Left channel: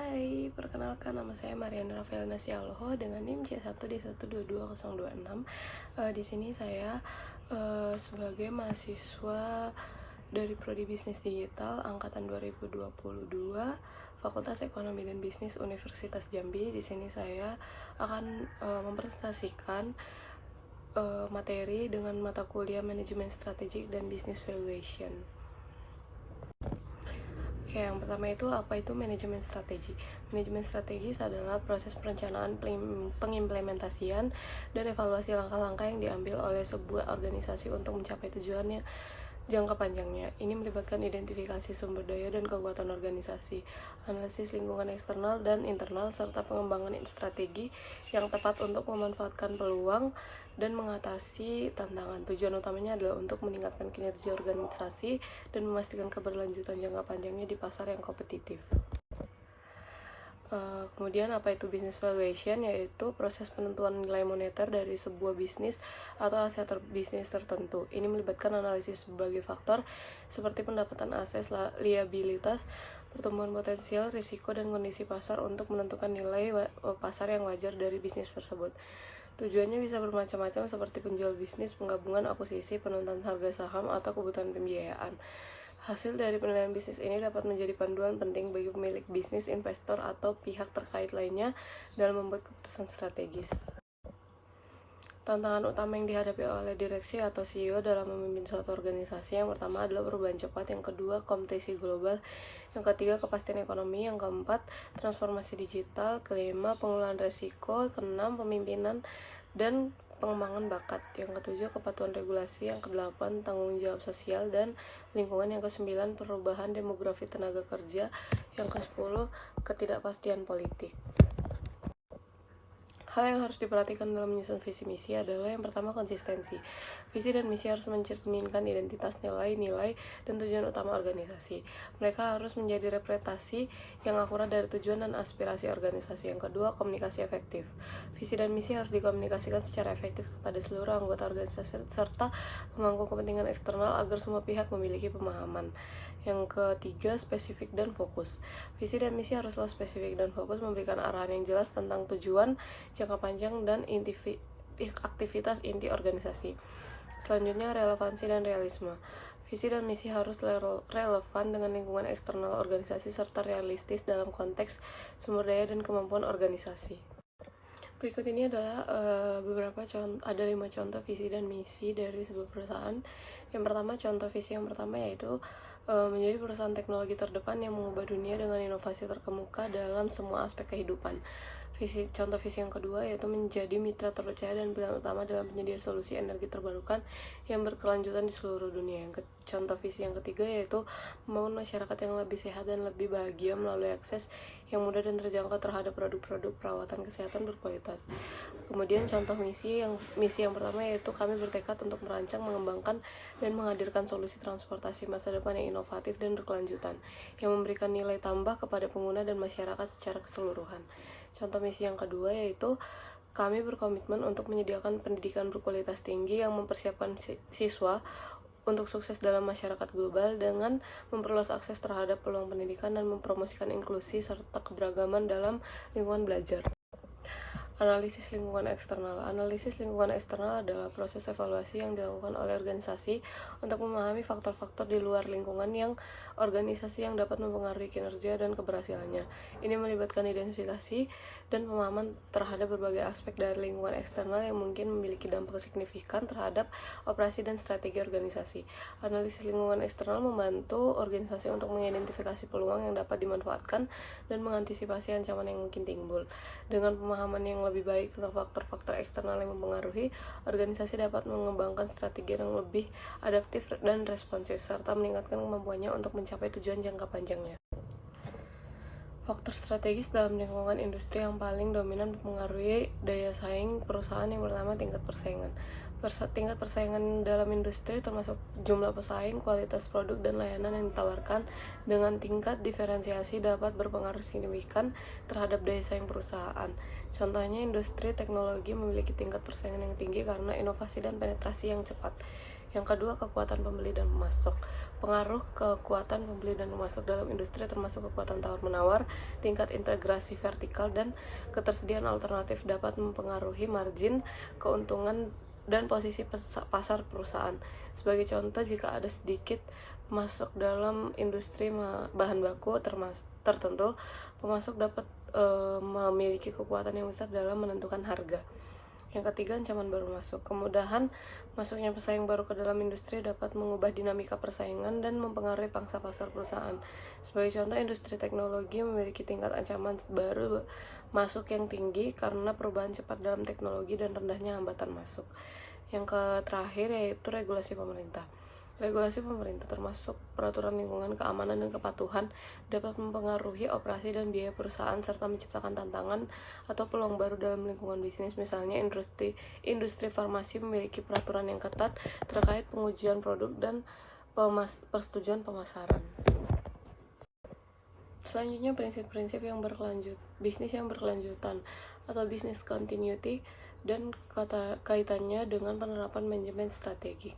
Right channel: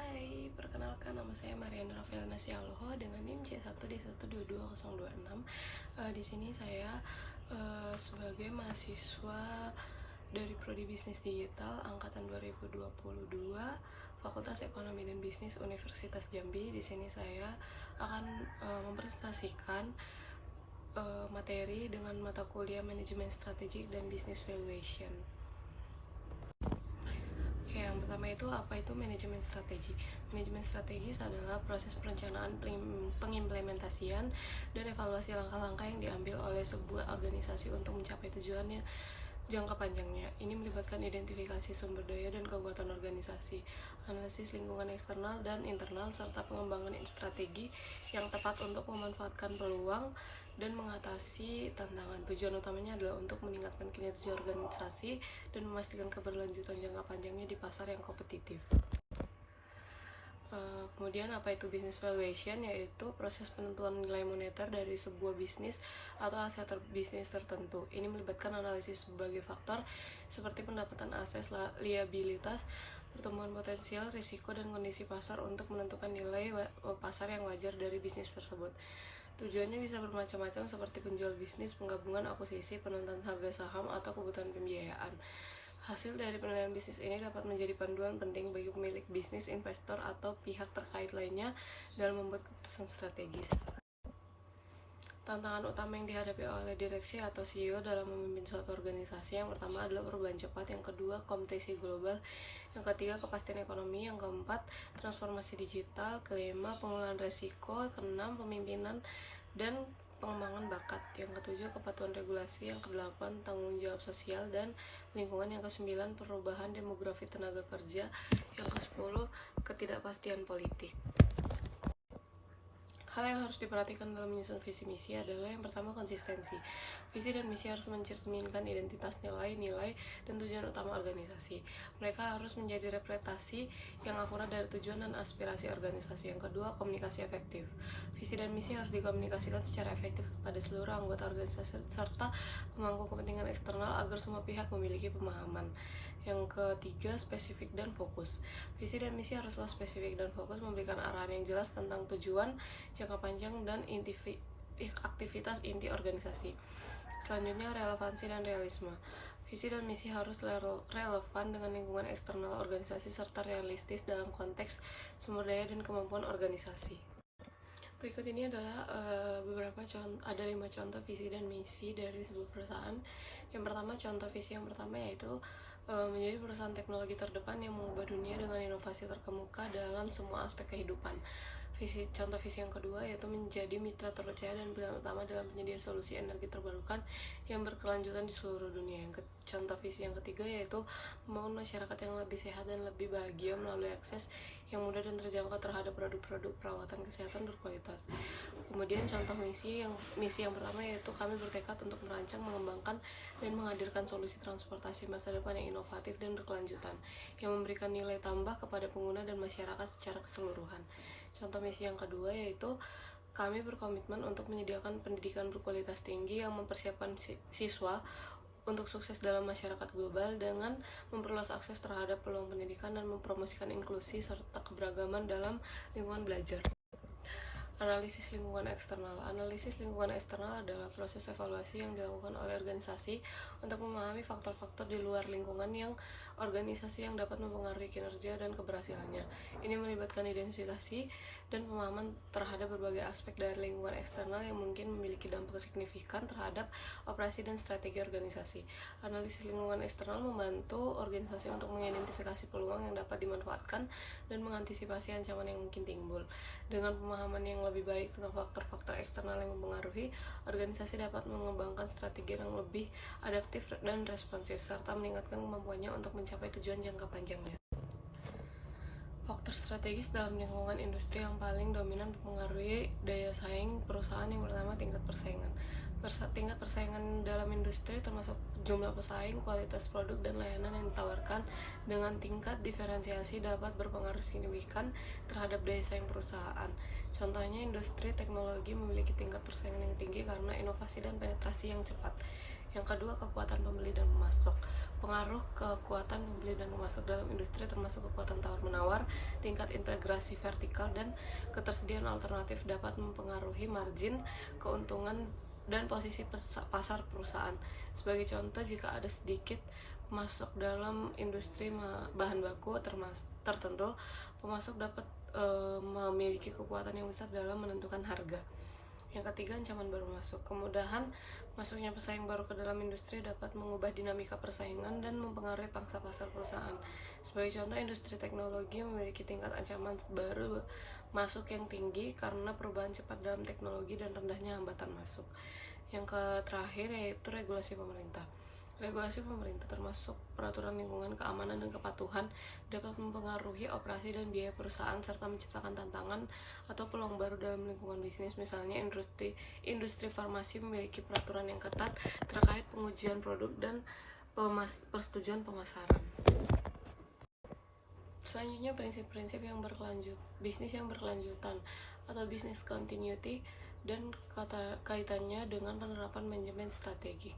Hai, perkenalkan nama saya Mariana Rafaelna Sialoho dengan NIM C1D1222026. Di sini saya sebagai mahasiswa dari Prodi Bisnis Digital angkatan 2022 Fakultas Ekonomi dan Bisnis Universitas Jambi. Di sini saya akan mempresentasikan materi dengan mata kuliah Manajemen Strategik dan Business Valuation. Oke, yang pertama itu apa itu manajemen strategi? Manajemen strategis adalah proses perencanaan, pengimplementasian, dan evaluasi langkah-langkah yang diambil oleh sebuah organisasi untuk mencapai tujuannya jangka panjangnya. Ini melibatkan identifikasi sumber daya dan kekuatan organisasi, analisis lingkungan eksternal dan internal, serta pengembangan strategi yang tepat untuk memanfaatkan peluang dan mengatasi tantangan. Tujuan utamanya adalah untuk meningkatkan kinerja organisasi dan memastikan keberlanjutan jangka panjangnya di pasar yang kompetitif. Kemudian apa itu business valuation? Yaitu proses penentuan nilai moneter dari sebuah bisnis atau aset bisnis tertentu. Ini melibatkan analisis berbagai faktor seperti pendapatan aset, liabilitas, pertumbuhan potensial, risiko, dan kondisi pasar untuk menentukan nilai pasar yang wajar dari bisnis tersebut. Tujuannya bisa bermacam-macam seperti penjual bisnis, penggabungan, akuisisi, penentuan harga saham, atau kebutuhan pembiayaan. Hasil dari penilaian bisnis ini dapat menjadi panduan penting bagi pemilik bisnis, investor, atau pihak terkait lainnya dalam membuat keputusan strategis. Tantangan utama yang dihadapi oleh direksi atau CEO dalam memimpin suatu organisasi, yang pertama adalah perubahan cepat, yang kedua kompetisi global, yang ketiga kepastian ekonomi, yang keempat transformasi digital, kelima pengelolaan resiko, keenam pemimpinan dan pengembangan bakat, yang ketujuh kepatuhan regulasi, yang kedelapan tanggung jawab sosial dan lingkungan, yang kesembilan perubahan demografi tenaga kerja, yang kesepuluh ketidakpastian politik. Hal yang harus diperhatikan dalam menyusun visi misi adalah yang pertama konsistensi. Visi dan misi harus mencerminkan identitas, nilai-nilai, dan tujuan utama organisasi. Mereka harus menjadi representasi yang akurat dari tujuan dan aspirasi organisasi. Yang kedua, komunikasi efektif. Visi dan misi harus dikomunikasikan secara efektif kepada seluruh anggota organisasi serta pemangku kepentingan eksternal agar semua pihak memiliki pemahaman. Yang ketiga, spesifik dan fokus. Visi dan misi haruslah spesifik dan fokus, memberikan arahan yang jelas tentang tujuan jangka panjang dan aktivitas inti organisasi. Selanjutnya, relevansi dan realisme. Visi dan misi harus relevan dengan lingkungan eksternal organisasi serta realistis dalam konteks sumber daya dan kemampuan organisasi. Berikut ini adalah ada 5 contoh visi dan misi dari sebuah perusahaan. Yang pertama, contoh visi yang pertama yaitu menjadi perusahaan teknologi terdepan yang mengubah dunia dengan inovasi terkemuka dalam semua aspek kehidupan. Contoh visi yang kedua yaitu menjadi mitra terpercaya dan pilihan utama dalam penyedia solusi energi terbarukan yang berkelanjutan di seluruh dunia. Contoh visi yang ketiga yaitu membangun masyarakat yang lebih sehat dan lebih bahagia melalui akses yang mudah dan terjangkau terhadap produk-produk perawatan kesehatan berkualitas. Kemudian contoh misi yang pertama yaitu kami bertekad untuk merancang, mengembangkan, dan menghadirkan solusi transportasi masa depan yang inovatif dan berkelanjutan, yang memberikan nilai tambah kepada pengguna dan masyarakat secara keseluruhan. Contoh misi yang kedua yaitu kami berkomitmen untuk menyediakan pendidikan berkualitas tinggi yang mempersiapkan siswa untuk sukses dalam masyarakat global dengan memperluas akses terhadap peluang pendidikan dan mempromosikan inklusi serta keberagaman dalam lingkungan belajar. Analisis lingkungan eksternal. Analisis lingkungan eksternal adalah proses evaluasi yang dilakukan oleh organisasi untuk memahami faktor-faktor di luar lingkungan yang organisasi yang dapat mempengaruhi kinerja dan keberhasilannya. Ini melibatkan identifikasi dan pemahaman terhadap berbagai aspek dari lingkungan eksternal yang mungkin memiliki dampak signifikan terhadap operasi dan strategi organisasi. Analisis lingkungan eksternal membantu organisasi untuk mengidentifikasi peluang yang dapat dimanfaatkan dan mengantisipasi ancaman yang mungkin timbul. Dengan pemahaman yang lebih baik tentang faktor-faktor eksternal yang mempengaruhi, organisasi dapat mengembangkan strategi yang lebih adaptif dan responsif, serta meningkatkan kemampuannya untuk mencapai tujuan jangka panjangnya. Faktor strategis dalam lingkungan industri yang paling dominan mempengaruhi daya saing perusahaan. Yang pertama, tingkat persaingan. Tingkat persaingan dalam industri termasuk jumlah pesaing, kualitas produk, dan layanan yang ditawarkan dengan tingkat diferensiasi dapat berpengaruh signifikan terhadap daya saing perusahaan. Contohnya, industri teknologi memiliki tingkat persaingan yang tinggi karena inovasi dan penetrasi yang cepat. Yang kedua, kekuatan pembeli dan pemasok. pengaruh kekuatan pembeli dan pemasok dalam industri termasuk kekuatan tawar-menawar, tingkat integrasi vertikal, dan ketersediaan alternatif dapat mempengaruhi margin, keuntungan, dan posisi pasar perusahaan. Sebagai contoh, jika ada sedikit pemasok dalam industri bahan baku tertentu, pemasok dapat memiliki kekuatan yang besar dalam menentukan harga. Yang ketiga, ancaman baru masuk. Kemudahan masuknya pesaing baru ke dalam industri dapat mengubah dinamika persaingan dan mempengaruhi pangsa pasar perusahaan. Sebagai contoh, industri teknologi memiliki tingkat ancaman baru masuk yang tinggi karena perubahan cepat dalam teknologi dan rendahnya hambatan masuk. Yang terakhir yaitu regulasi pemerintah. Regulasi pemerintah termasuk peraturan lingkungan, keamanan, dan kepatuhan dapat mempengaruhi operasi dan biaya perusahaan serta menciptakan tantangan atau peluang baru dalam lingkungan bisnis. Misalnya, industri farmasi memiliki peraturan yang ketat terkait pengujian produk dan persetujuan pemasaran. Selanjutnya, prinsip-prinsip yang bisnis yang berkelanjutan atau business continuity dan kaitannya dengan penerapan manajemen strategik.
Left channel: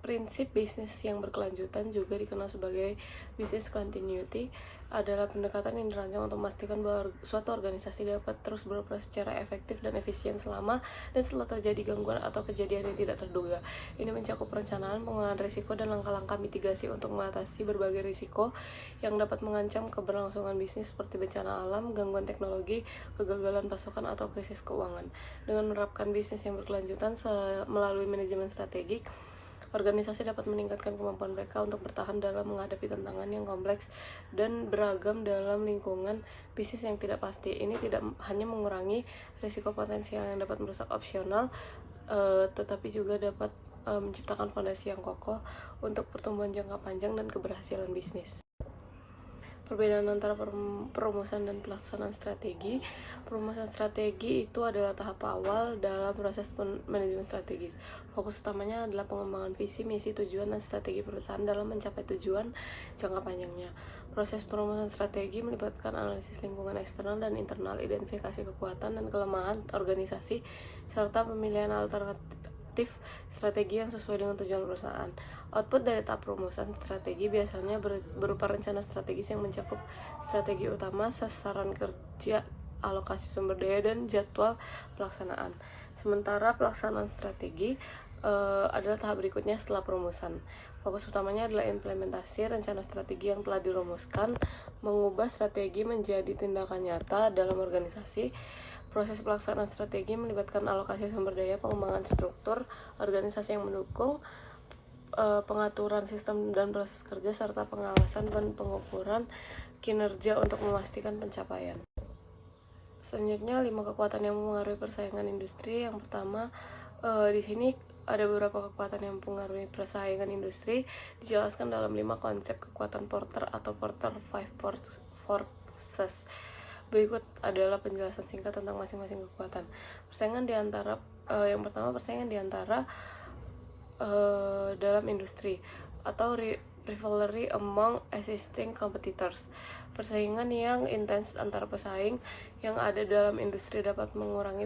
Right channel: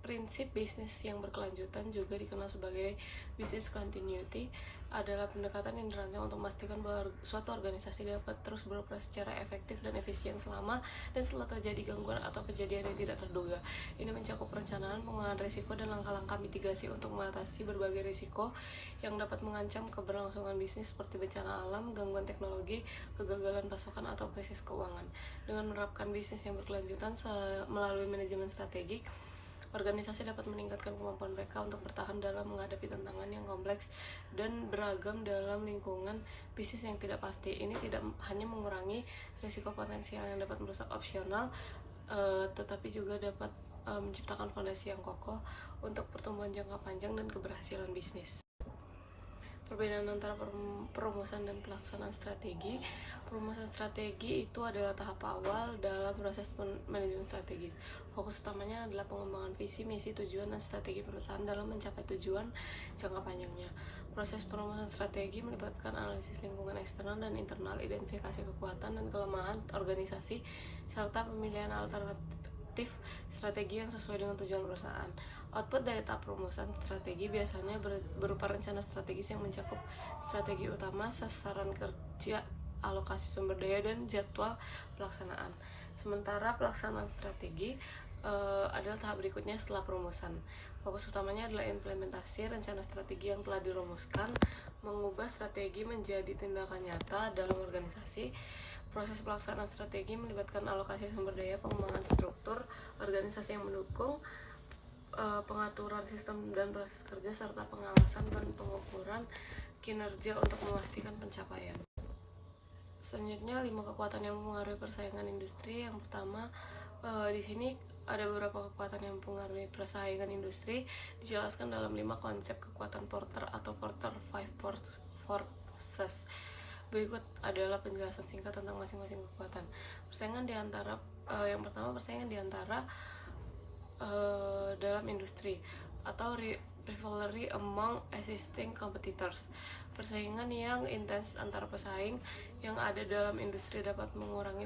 Prinsip bisnis yang berkelanjutan juga dikenal sebagai business continuity adalah pendekatan yang dirancang untuk memastikan bahwa suatu organisasi dapat terus beroperasi secara efektif dan efisien selama dan setelah terjadi gangguan atau kejadian yang tidak terduga. Ini mencakup perencanaan, pengelolaan risiko, dan langkah-langkah mitigasi untuk mengatasi berbagai risiko yang dapat mengancam keberlangsungan bisnis seperti bencana alam, gangguan teknologi, kegagalan pasokan, atau krisis keuangan. Dengan menerapkan bisnis yang berkelanjutan melalui manajemen strategik, organisasi dapat meningkatkan kemampuan mereka untuk bertahan dalam menghadapi tantangan yang kompleks dan beragam dalam lingkungan bisnis yang tidak pasti. Ini tidak hanya mengurangi risiko potensial yang dapat merusak opsional, tetapi juga dapat menciptakan fondasi yang kokoh untuk pertumbuhan jangka panjang dan keberhasilan bisnis. Perbedaan antara perumusan dan pelaksanaan strategi. Perumusan strategi itu adalah tahap awal dalam proses manajemen strategis. Fokus utamanya adalah pengembangan visi, misi, tujuan, dan strategi perusahaan dalam mencapai tujuan jangka panjangnya. Proses perumusan strategi melibatkan analisis lingkungan eksternal dan internal, identifikasi kekuatan dan kelemahan organisasi, serta pemilihan alternatif strategi yang sesuai dengan tujuan perusahaan. Output dari tahap perumusan strategi biasanya berupa rencana strategis yang mencakup strategi utama, sasaran kerja, alokasi sumber daya, dan jadwal pelaksanaan. Sementara pelaksanaan strategi adalah tahap berikutnya setelah perumusan. Fokus utamanya adalah implementasi rencana strategi yang telah dirumuskan, mengubah strategi menjadi tindakan nyata dalam organisasi. Proses pelaksanaan strategi melibatkan alokasi sumber daya, pengembangan struktur organisasi yang mendukung, pengaturan sistem dan proses kerja, serta pengawasan dan pengukuran kinerja untuk memastikan pencapaian. Selanjutnya, 5 kekuatan yang mempengaruhi persaingan industri. Yang pertama, di sini ada beberapa kekuatan yang mempengaruhi persaingan industri, dijelaskan dalam 5 konsep kekuatan Porter atau Porter 5 Forces. Berikut adalah penjelasan singkat tentang masing-masing kekuatan. Persaingan di antara yang pertama, persaingan di antara dalam industri atau rivalry among existing competitors. Persaingan yang intens antara pesaing yang ada dalam industri dapat mengurangi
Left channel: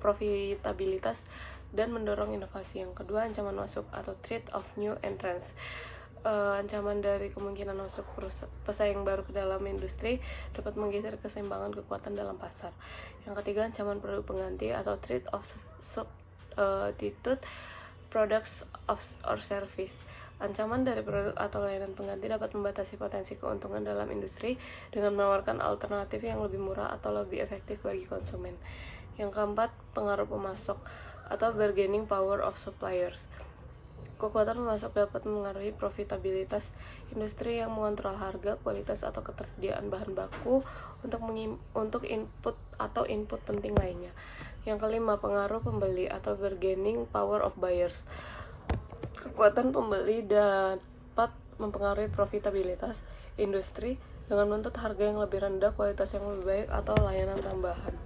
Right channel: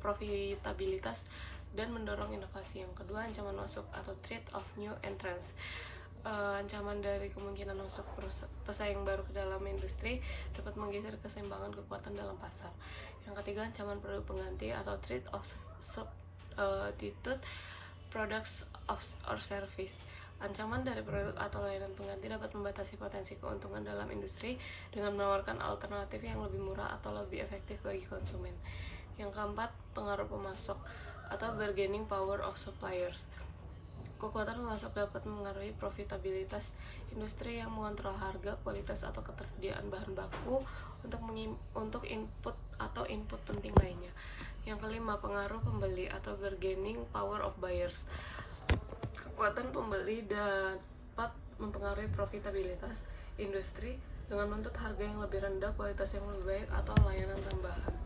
profitabilitas dan mendorong inovasi. Yang kedua, ancaman masuk atau threat of new entrants. Ancaman dari kemungkinan masuk pesaing baru ke dalam industri dapat menggeser keseimbangan kekuatan dalam pasar. Yang ketiga, ancaman produk pengganti atau threat of substitute products or service. Ancaman dari produk atau layanan pengganti dapat membatasi potensi keuntungan dalam industri dengan menawarkan alternatif yang lebih murah atau lebih efektif bagi konsumen. Yang keempat, pengaruh pemasok atau bargaining power of suppliers. Kekuatan pemasok dapat mengaruhi profitabilitas industri yang mengontrol harga, kualitas, atau ketersediaan bahan baku untuk input atau input penting lainnya. Yang kelima, pengaruh pembeli atau bargaining power of buyers. Kekuatan pembeli dapat mempengaruhi profitabilitas industri dengan menuntut harga yang lebih rendah, kualitas yang lebih baik, atau layanan tambahan.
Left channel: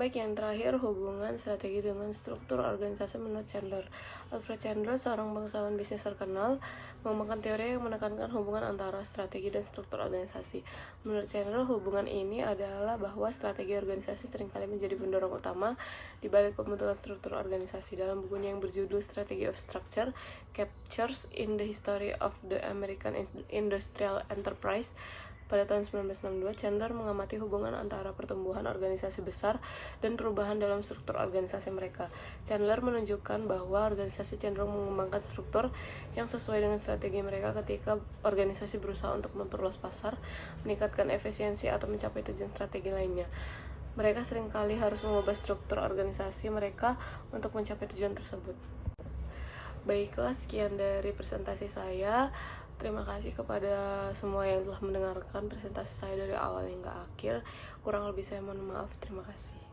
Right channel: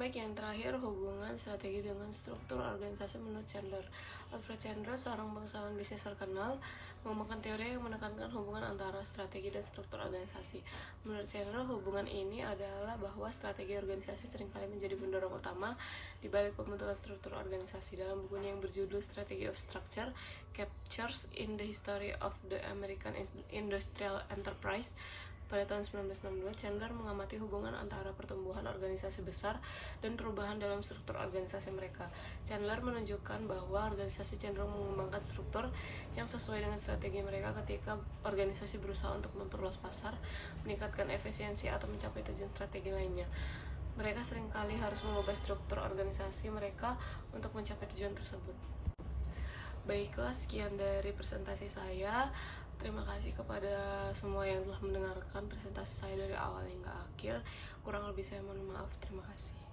Baik, yang terakhir, hubungan strategi dengan struktur organisasi menurut Chandler. Alfred Chandler, seorang bangsawan bisnis terkenal, mengembangkan teori yang menekankan hubungan antara strategi dan struktur organisasi. Menurut Chandler, hubungan ini adalah bahwa strategi organisasi seringkali menjadi pendorong utama di balik pembentukan struktur organisasi. Dalam bukunya yang berjudul Strategy of Structure, Captures in the History of the American Industrial Enterprise, pada tahun 1962, Chandler mengamati hubungan antara pertumbuhan organisasi besar dan perubahan dalam struktur organisasi mereka. Chandler menunjukkan bahwa organisasi cenderung mengembangkan struktur yang sesuai dengan strategi mereka ketika organisasi berusaha untuk memperluas pasar, meningkatkan efisiensi, atau mencapai tujuan strategi lainnya. Mereka seringkali harus mengubah struktur organisasi mereka untuk mencapai tujuan tersebut. Baiklah, sekian dari presentasi saya. Terima kasih kepada semua yang telah mendengarkan presentasi saya dari awal hingga akhir. Kurang lebih saya mohon maaf. Terima kasih.